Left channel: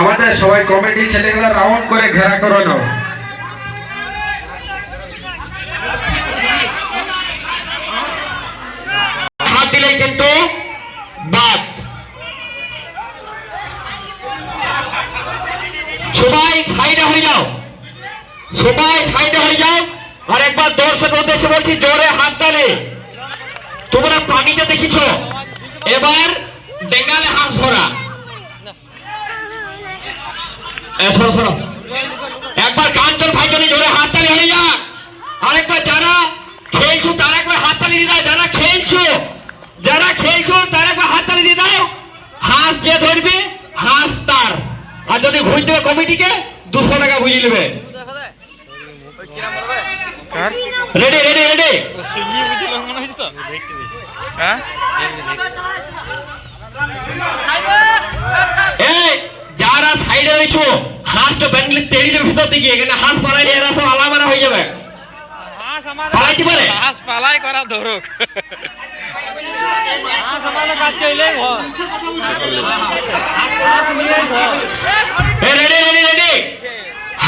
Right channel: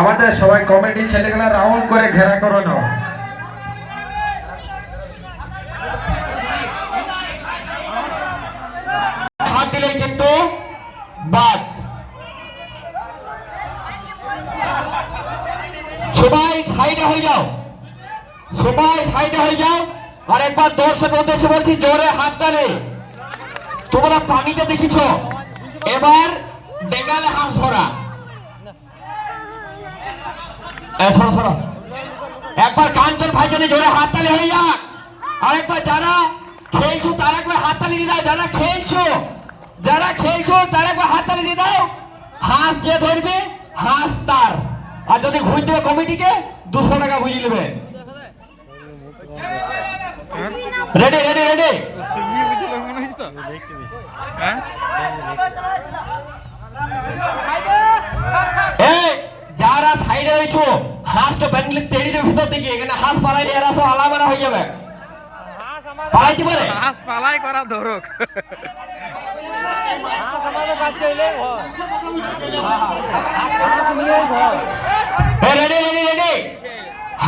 আমাদের সবাই কমিটি ছেলেগুলো রাউন্ড করে ঘেরা করে নাও। হাত দিলে কিন্তু বাদ। সবাই সাইডে হয়ে যাও, সবাই সাইডে হয়ে যাও। আর একবার দর্শক উদ্দেশ্যে বলছি, জোরে হাত তালে। তোমরা পানিটা দেখিছ, এবার বেঙ্গালে হাঁস ধরা। একবার কাঞ্চন ভাই জন্য জোরে হাততালি হয়ে যাক। আরেকবার যারা খেলছো তারা একবার হাততালি দিয়ে দাও। যারা খেলছো তারা একবার হাততালি দিয়ে দাও। হাঁস যে ধরবে হাঁস তার, আর যদি ঘুষ দেবে কমিটিকে 200 টাকা বুঝিয়ে নেবে। Ready ready ready. যারা সাইডে হয়েছো হাঁসটা ব্যাঙ্গলি তেড়ি দেবে ভিতর দিকে। এখানে হাঁস পালাইলে এরা সব আলামারা হয়ে যাবে। পালাইতে পারে হাঁস পালাই করা ধরুক। Ready ready ready.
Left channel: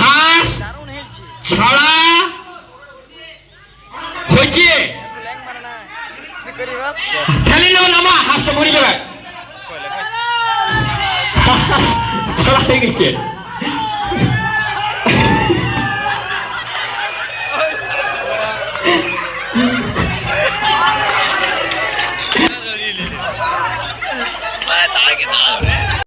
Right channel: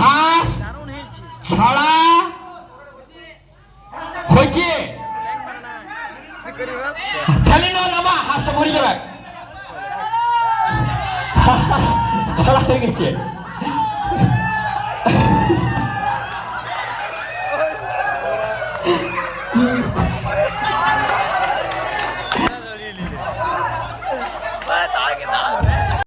হাঁস ছাড়া হয়েছে, খেলে নেবে নামা, হাঁসটা মরে যাবে। ছাড়া হয়ে গেছে।